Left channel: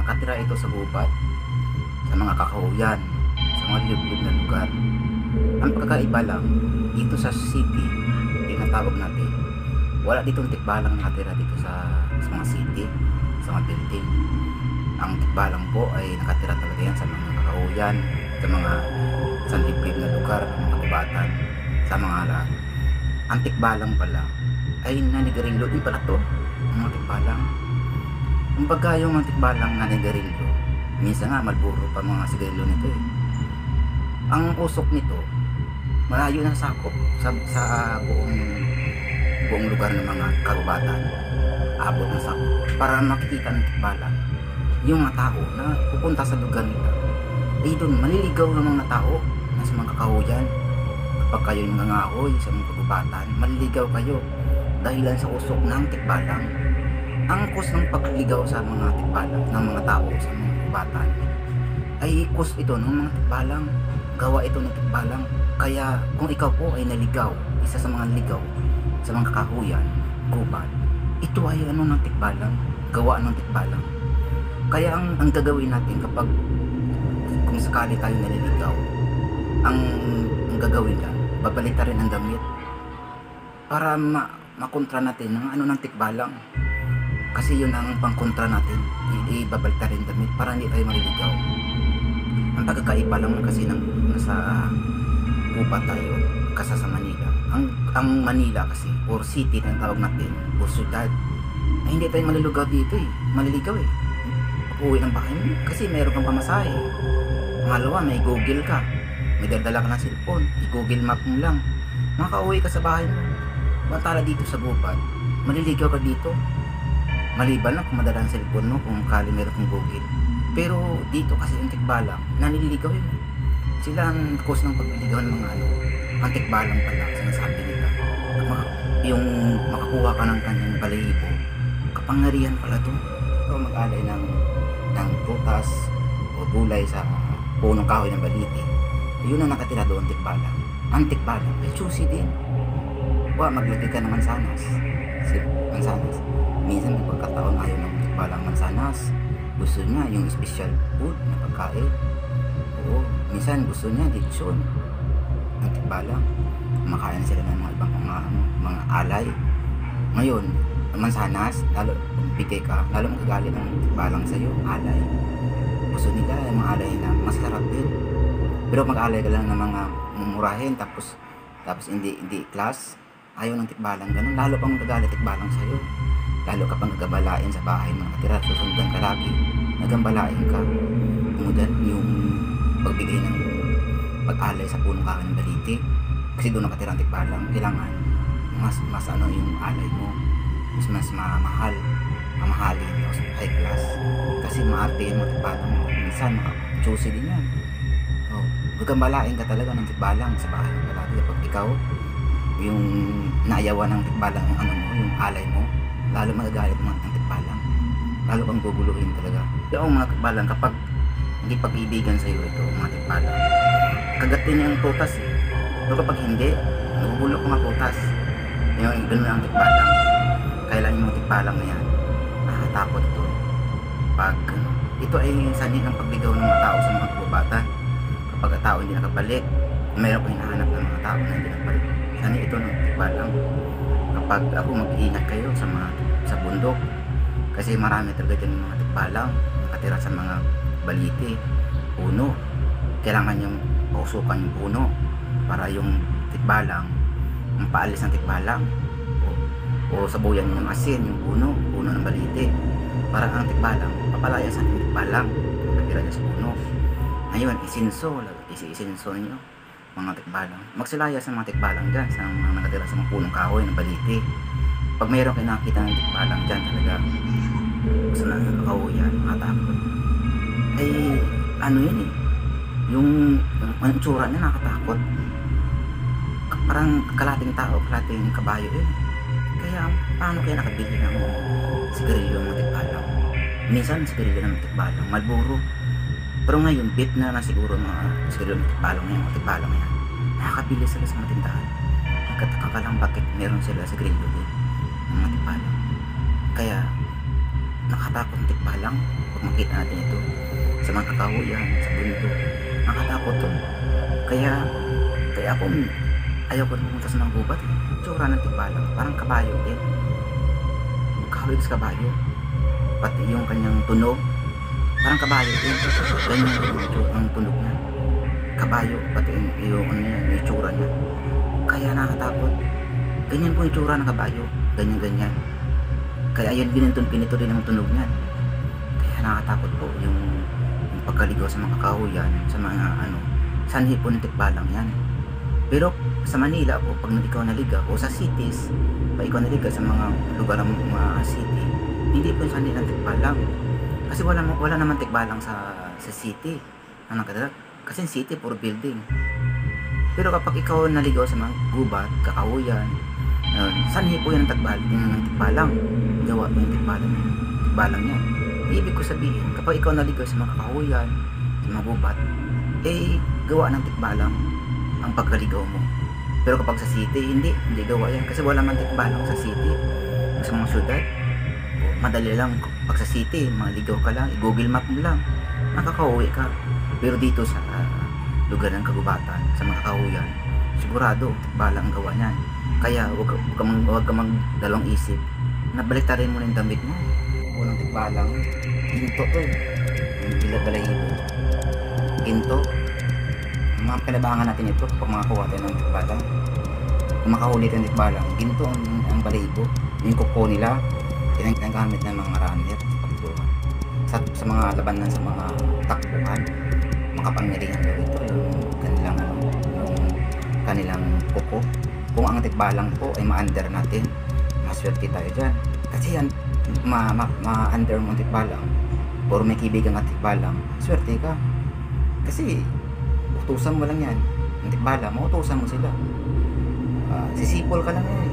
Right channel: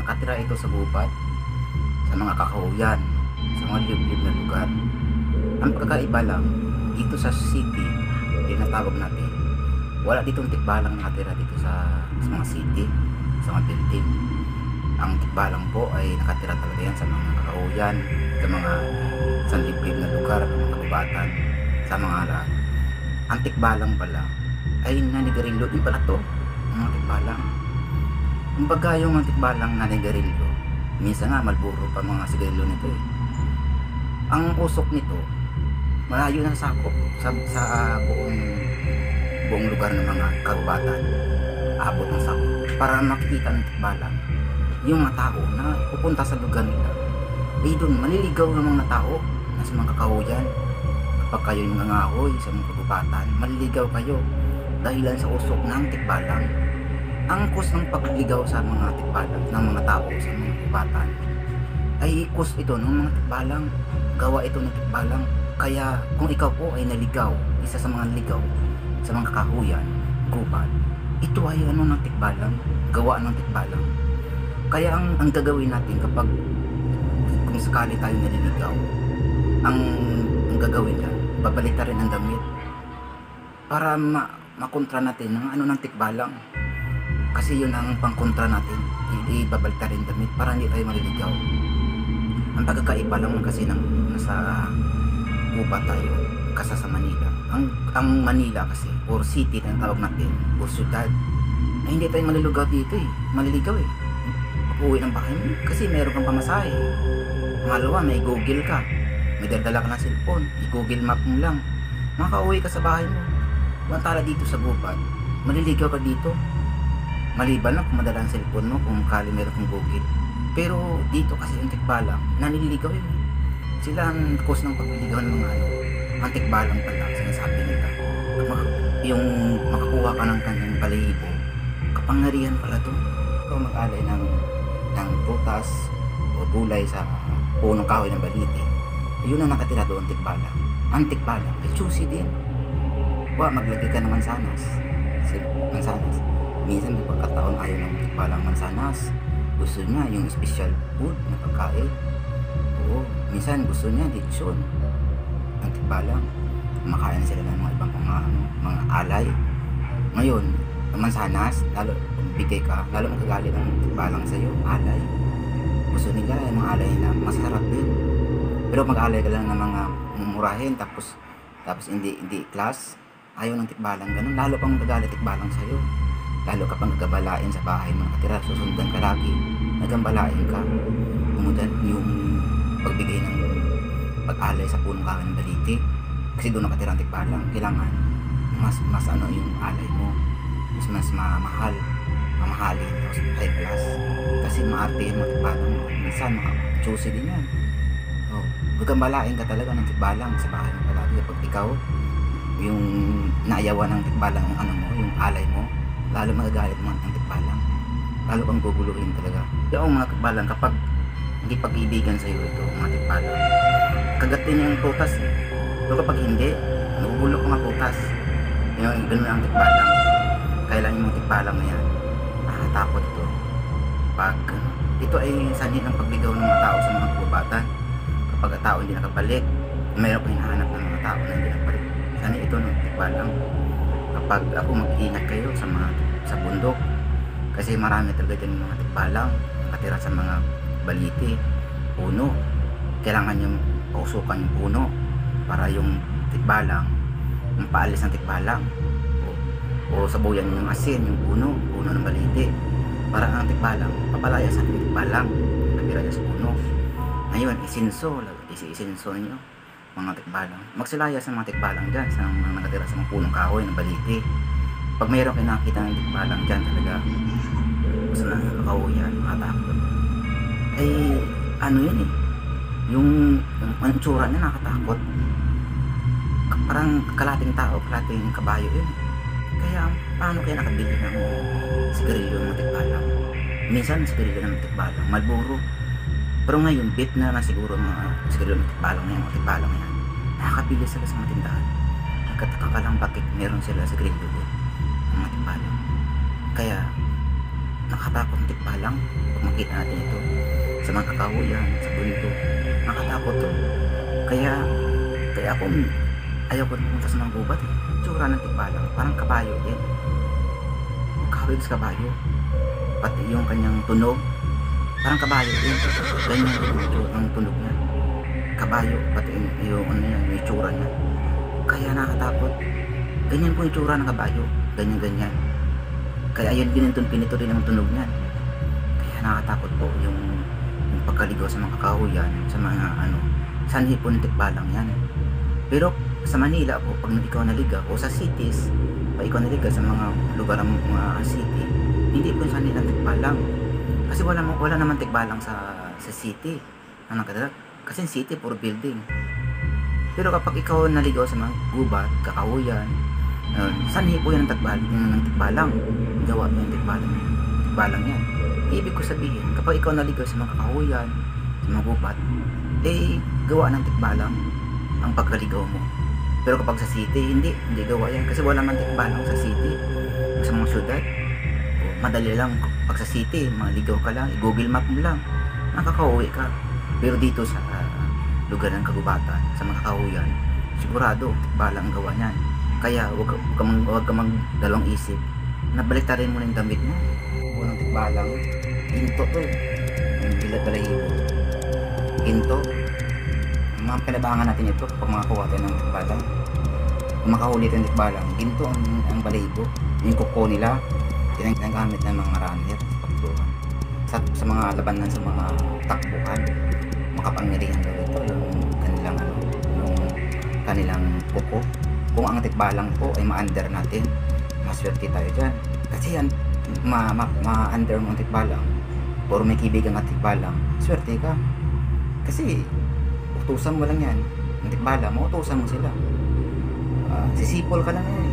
Nakatira ito sa gubat, sa mga kakahuyan, sa mga liblib na lugar. Ang pagkakaiba lang, dito sa city, tinatawag natin, wala ditong tikbalang nakatira dito sa mga city, sa mga building. Ang tikbalang po ay nakatira talaga yan sa mga kakahuyan, sa mga liblib na lugar, mga kagubatan, sa mga ang tikbalang pala ay nanigarilyo din pala to, ang mga tikbalang. Kumbaga yung mga tikbalang nanigarilyo, minsan nga malburo pa mga sigarilyo nito eh. Ang usok nito malayo na sakop sa buong lugar ng mga kagubatan, abot ng sakop, para makikita ng tikbalang yung mga tao na pupunta sa lugar nila. Eh doon maliligaw ng mga tao na sa mga kakahuyan. Kapag kayo yung nangangahoy sa mga kagubatan, maliligaw kayo dahilan sa usok ng tikbalang. Ang cause ng pagligaw sa mga tikbalang, ng mga tao sa mga kagubatan, ay cause ito ng mga tikbalang, gawa ito ng tikbalang. Kaya kung ikaw po ay naligaw, isa sa mga ligaw sa mga kakahuyan, gubat, ito ay ano ng tikbalang, gawa ng tikbalang. Kaya ang gagawin natin kapag kung sakali tayo naliligaw, ang gagawin yan, babalita rin ang damit para makontra natin ng ano ng tikbalang. Kasi yun ang pangkontra natin, ibabalita rin damit para hindi tayo maliligaw. Ang pagkakaiba lang kasi nasa gubat tayo kasi sa Manila. Ang Manila kasi, or city na tawag natin, or syudad, ay hindi tayo maliligaw dito eh, maliligaw eh. Pag-uwi ng bahay mo, kasi meron kang pamasahe. Pangalawa, may Google ka, may dala ka ng cellphone, i-Google map mo lang, makauwi ka sa bahay mo. Mantala dito sa gubat, maliligaw ka dito. Maliban lang kung madala ang cellphone mo, kung kali meron kang Google. Pero dito kasi yung tikbalang, nanililigaw yun. Sila ang cause ng pagliligaw ng mga ano, ang tikbalang pala, sinasabi nila. Yung makakuha ka ng kanyang balahibo, kapangyarihan pala to. Ikaw mag-alay ng prutas o gulay sa punong kahoy ng baliti. Yun ang nakatira doon, tikbalang. Ang tikbalang, ay choosy din. Maglagay ka ng mansanas. Minsan may pagkataon ayaw ng tikbalang mansanas. Gusto niya yung special food na pagkain. Oo, minsan gusto niya lechon ng tikbalang. Kumakain sila ng mga ibang mga alay. Ngayon, mansanas, lalo bigay ka, lalo magagalit ng tikbalang sa'yo, alay. Gusto nila yung mga alay nila, masarap din. Pero mag-alay ka lang ng mga mumurahin, tapos hindi class, ayaw ng tikbalang ganun. Lalo pang magagalit tikbalang sa'yo. Lalo ka pang gagabalain sa bahay mo nakatira, susundan ka lagi, nagambalain ka. Tumudan yung pagbigay ng pag-alay sa punong kahoy ng baliti, kasi doon nakatira ang tikbalang. Kailangan mas ano yung alay mo, mas mamahalin, tapos high class, kasi maarte yung mga tikbalang mo. Minsan maka-choosy din yan. Gagambalain ka talaga ng tikbalang sa bahay mo palagi. Kapag ikaw yung naayawan ng tikbalang yung ano mo, yung alay mo, lalo magagalit mo ng tikbalang, lalo kang guguluhin talaga. Yung mga tikbalang, kapag hindi pag-ibigan sa iyo ito, mga tikbalang, kagatin niya yung putas eh. Pero kapag hindi, nagugulok mga putas. Yung ganun ang tikbalang. Kailan yung mga tikbalang na yan, nakakatakot ito. Pag ito ay sanhi ng pagligaw ng mga tao sa mga kagubatan. Kapag ang tao hindi nakabalik, mayroon kang hinahanap ng mga tao na hindi nakabalik, sanhi ito ng tikbalang. Kapag ako, mag-ingat kayo sa bundok, kasi marami talaga dyan mga tikbalang nakatira sa mga baliti, puno. Kailangan yung pausukan yung puno para yung tikbalang mapaalis ng tikbalang, o sabuyan yung asin, yung puno ng baliti, para ang tikbalang papalaya sa ating tikbalang nakatira dyan sa puno. Ngayon, isinso nyo mga tikbalang, magsilaya sa mga tikbalang dyan, sa mga nakatira sa mga punong kahoy ng baliti. Pag mayroon kayo nakita ng tikbalang dyan talaga sa nakakahuyan, makatakot. Ay ano yun eh, yung tsura niya nakatakot, parang kalating tao, kalating kabayo yun. Kaya paano kaya nakabili ng sigarilyo ng tikbalang? Minsan sigarilyo ng tikbalang, Marlboro. Pero ngayon, bet na naman siguro mga sigarilyo ng tikbalang na yan, mga tikbalang yan. Nakakabili sila sa mga tindahan. Nagkataka ka lang bakit meron sila sigarilyo din, ng mga tikbalang. Kaya, nakatakot ng tikbalang pag makita natin ito sa mga kakahuyan, sa bundok. Nakatakot to. Kaya ako, ayaw ko pumunta sa mga gubat eh. Tsura ng tikbalang, parang kabayo din. Magkawig sa kabayo. Pati yung kanyang tunog, parang kabayo din. Ganyan din ang tunog niya. Kabayo, pati yung itsura niya. Kaya nakakatakot. Ganyan po yung itsura ng kabayo. Ganyan. Kaya ayun pinito rin ang tunog niyan. Kaya nakakatakot po yung pagkaligaw sa mga kakahuyan, sa mga sanhi po ng tikbalang yan. Pero sa Manila po, pag ikaw naligaw o sa cities, pag ikaw naligaw sa mga lugar ng mga city, hindi po yung sanhi ng tikbalang. Kasi wala naman tikbalang sa city na nakadalag. Kasi city puro building. Pero kapag ikaw naligaw sa mga gubat, kakahuyan, sanhi po yan ng tikbalang. Gawa po yung tikbalang yan. Ibig ko sabihin, kapag ikaw naligaw sa mga kakahuyan, sa mga gubat, gawa ng tikbalang ang pagkaligaw mo. Pero kapag sa city, hindi gawa yan. Kasi wala man tikbalang sa city. Sa mga syudad, madali lang. Pag sa city, maligaw ka lang, i-google map mo lang, nakakauwi ka. Pero dito sa lugar ng kagubatan, sa mga kakahuyan, sigurado, tikbalang ang gawa niyan. Kaya huwag ka magdalawang isip. Nabaliktarin mo na yung damit mo. Unang tikbalang, ginto to. Yung balahibo. Ginto. Mga kalabangan natin ito pag makakuha tayo ng tikbalang. Kung makahuli tayo ng tikbalang, ginto ang balahibo. Yung kuko nila, ginagamit ng mga runner sa mga labanan, sa mga takbuhan. Makapangyarihan daw ito yung kanilang kuko. Kung ang tikbalang po ay ma-under natin, maswerte tayo dyan. Kasi yan, ma-under mo ang tikbalang, puro may kibigan ang tikbalang, swerte ka. Kasi utusan mo lang yan, ang tikbalang, mautusan mo sila. Sisipol ka lang yan.